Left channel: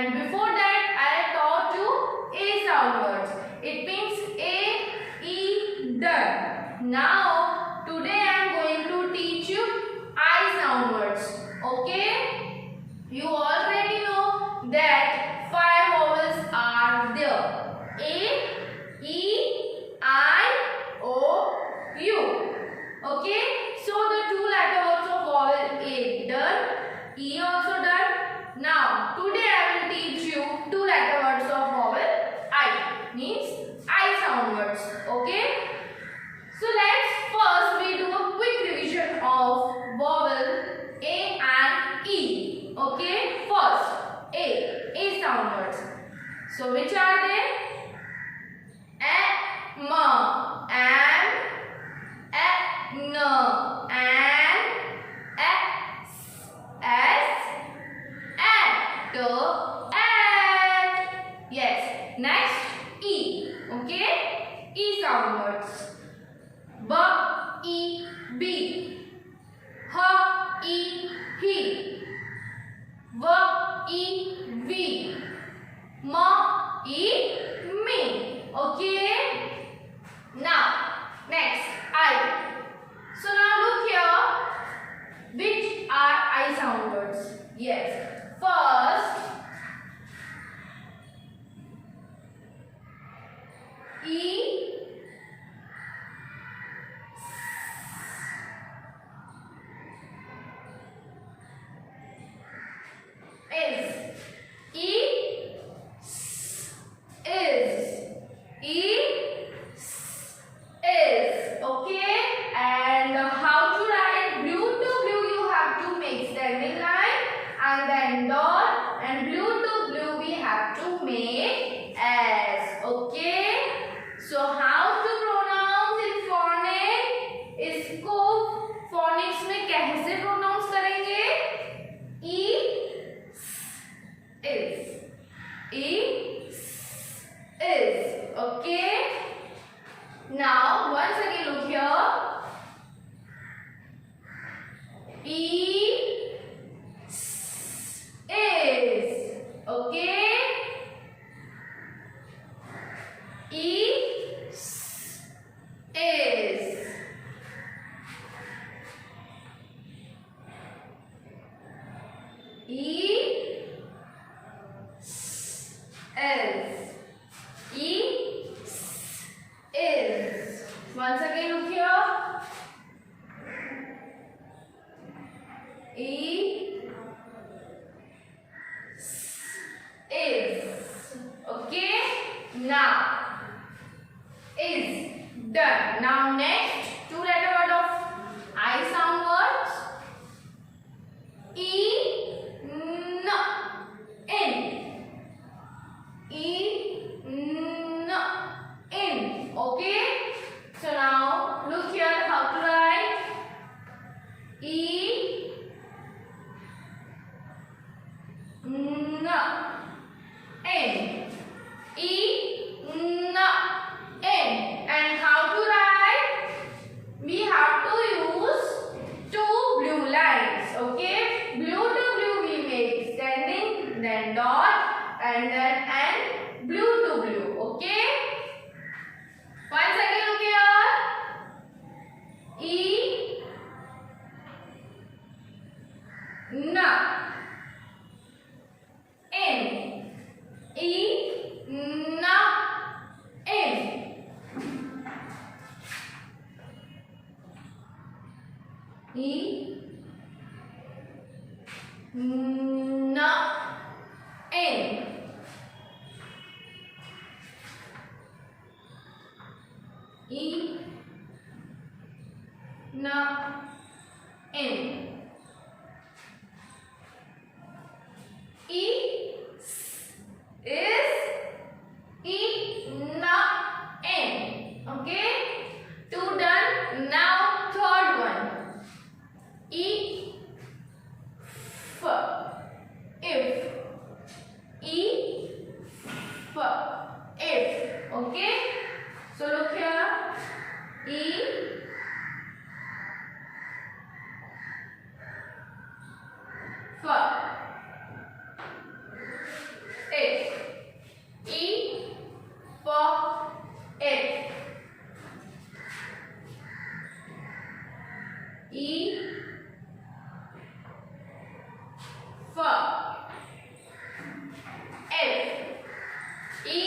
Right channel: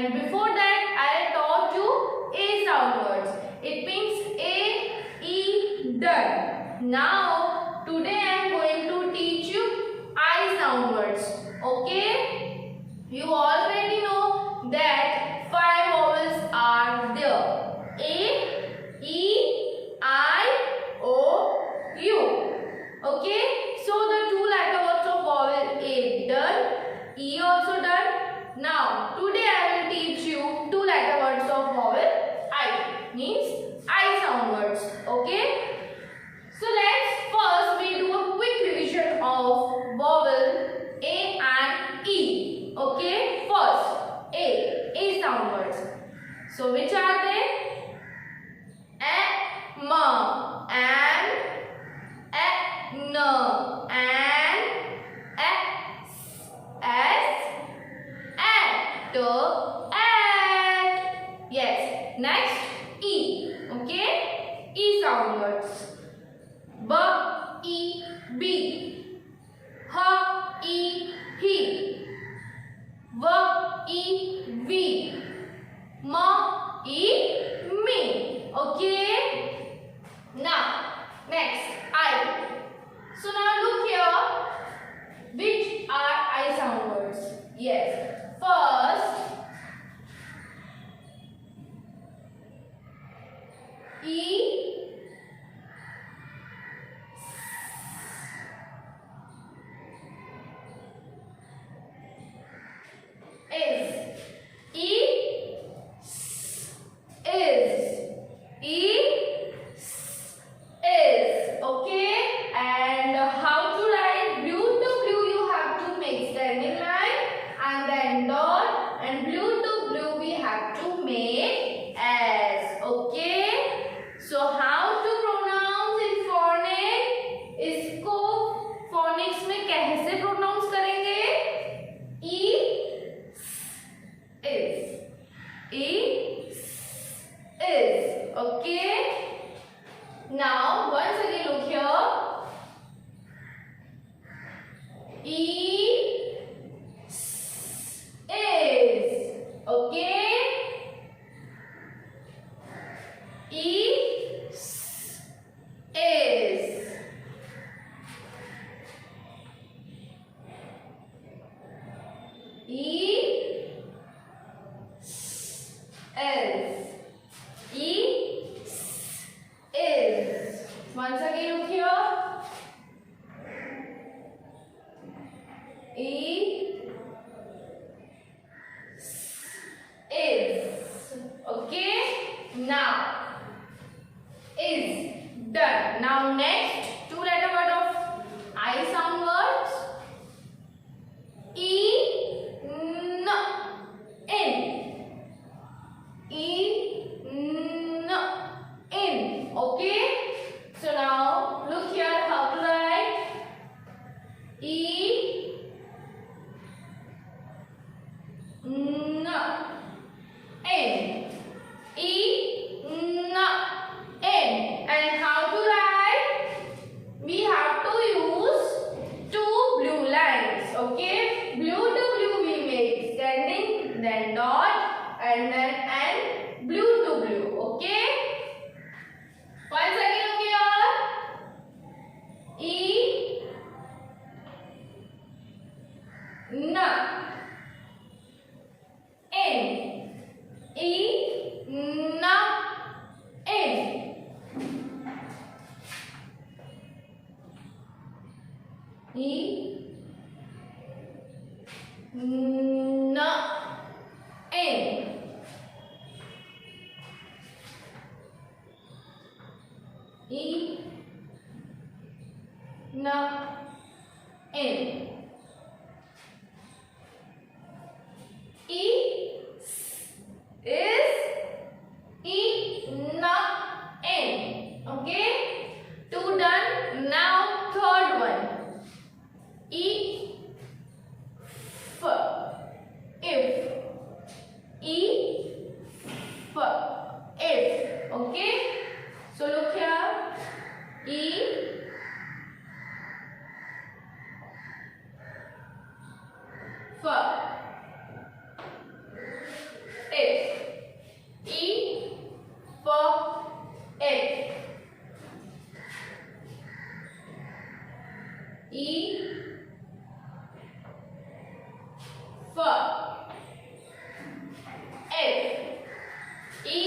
and before that I taught you A sound words. It means A, E, done. Now today I am going to teach you I sound words. Okay? You already know that 5 vowels are there. A, E, I, O, U. Okay? So the 2 letter words of vowel A done, E also done. Now today I will teach you 2 letter words of vowel I, means I sound words. Okay? So let's first we do a quick revision of vowel A and E. Okay? First A sound words. So which are they? A, M, and N, and S, at, at. Yes. Next E. Okay? E sound words. B, E, B. H, E, he. V, E, V. M, E, me. Okay? Now, next I. So now look here. Which are I sound words? Yes. First, E, is. E, is. E, is. Okay? And how to write? Blue to blue you have to make standing line and then dot, and blue to blue we have to make S. Okay? So how to pronounce in phonics? इसको phonics में कैसे pronounce करेंगे? E, is. E, is. Okay? Now once again look here. E, is. Okay? E, is. E, is. E, is. Once again look here. E, is. Okay? Now is done. Now next 2 letter word of I sound words. E, n, in. E, n, in. Okay? So now look here how to write. E, n, in. E, n, in. And how to write? We have to use 2 blue lines. Okay? Blue to blue we make standing, then dot, and then and blue to blue. Okay? Once again look here. E, n, in. E, n, in. E, n, in. E, n, in. E, is. E, n, in. Okay? 2 done. Now third one. E, f. If. E, F. E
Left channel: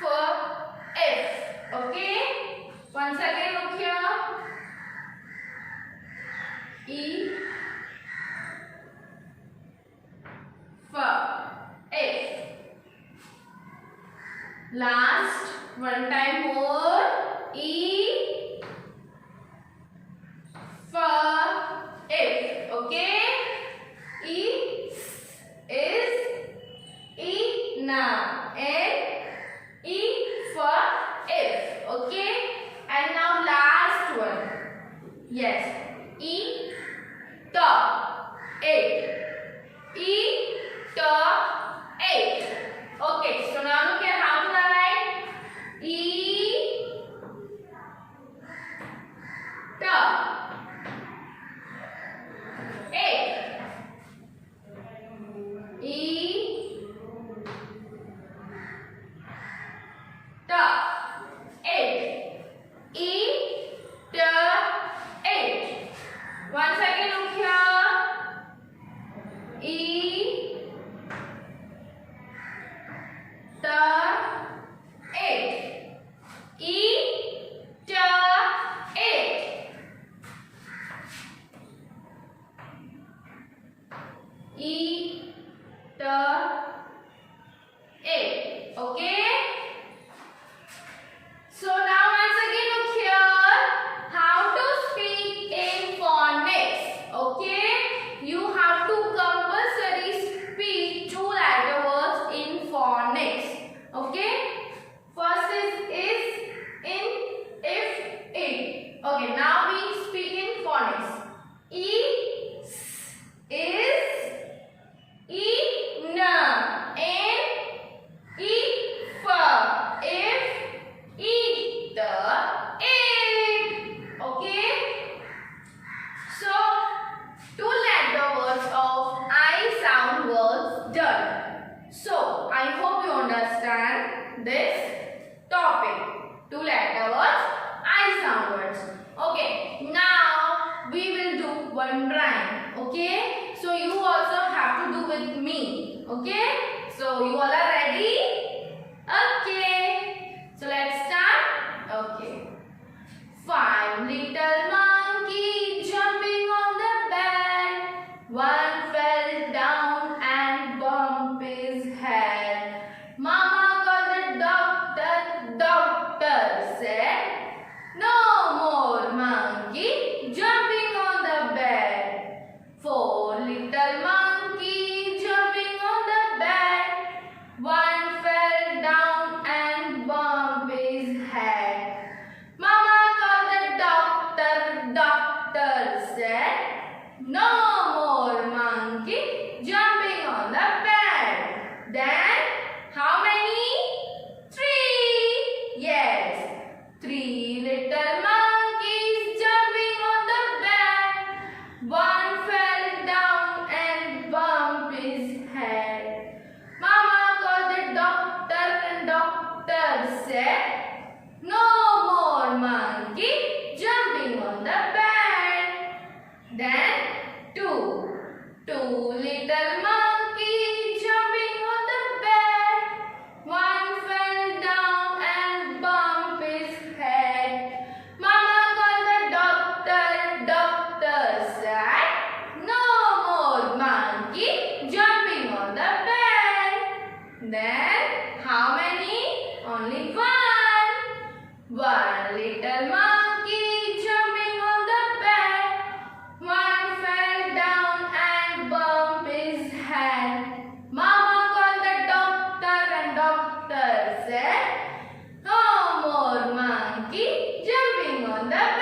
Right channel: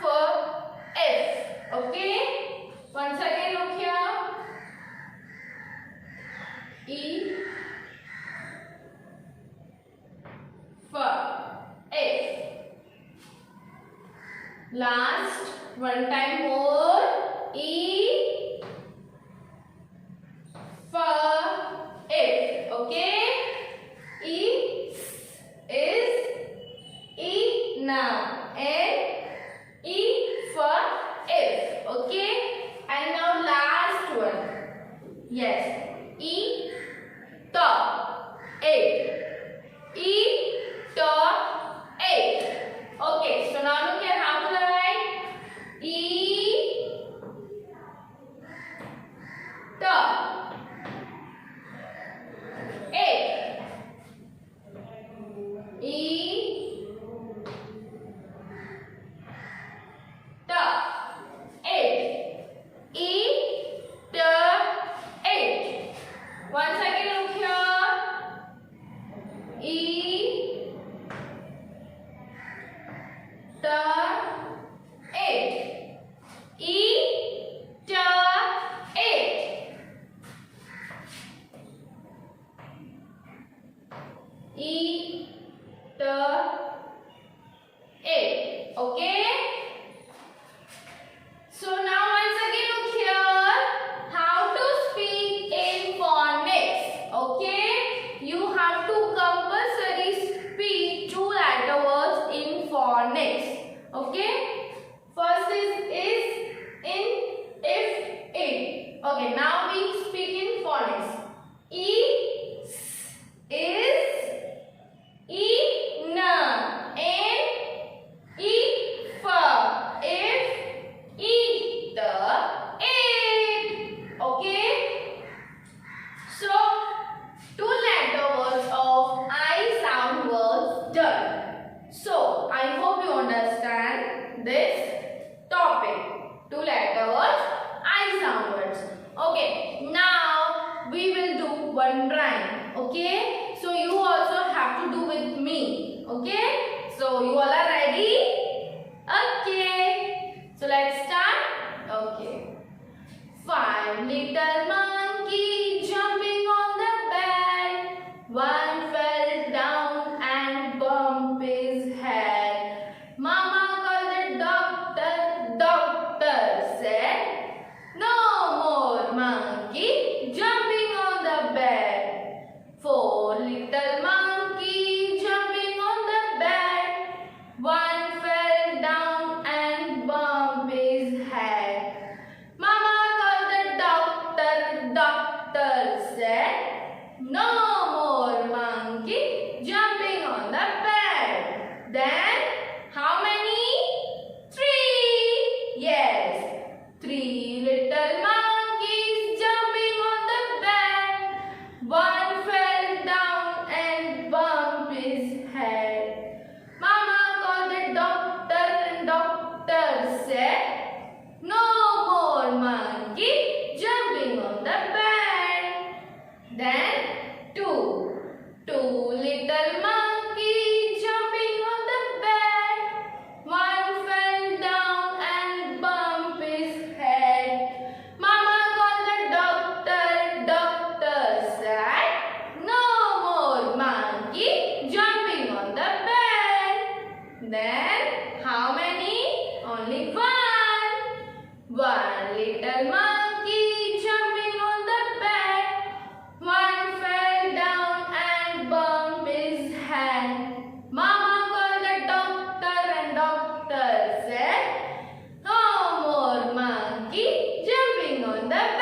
for F. Okay. Once again look here. E for F. Last one time more. E for F. Okay. E is now and E for F. Okay. And now last one. Yes. E top 8. E top 8. Okay. So now look at how to write. E top 8. E top 8. E top 8. Once again look here. E top 8. E top 8. E top 8. Okay. So now once again look here how to speak in phonics. Okay. You have to compulsory speak 2 letter words in phonics. Okay. First is in, if, it. Okay. Now we speak in phonics. E is E na and E for if eat the it. Okay. So 2 letter words of I sound words done. So I hope you understand this topic. 2 letter words I sound words. Okay. Now we will do one rhyme. Okay. So you also have to do with me. Okay. So you all are ready? Okay. So let's start. Okay. 5 little monkey jumping on the bed. One fell down and bumped his head. Mama called the doctor. Doctor said, no more monkey jumping on the bed. 4 little monkey jumping on the bed. One fell down and bumped his head. Mama called the doctor. Doctor said, no more monkey jumping on the bed. Then how many? 3. Yes. 3 little monkeys jumping on the bed. One fell down and bumped his head. Mama called the doctor and doctor said, no more monkey jumping on the bed. Then 2 little monkeys jumping on the bed. One fell down and bumped his head. Mama called the doctor. Doctor said, no more monkey jumping on the bed. Then how many? Only 1. 1 little monkey jumping on the bed. One fell down and bumped his head. Mama called the doctor and doctor said, no more monkey jumping on the bed.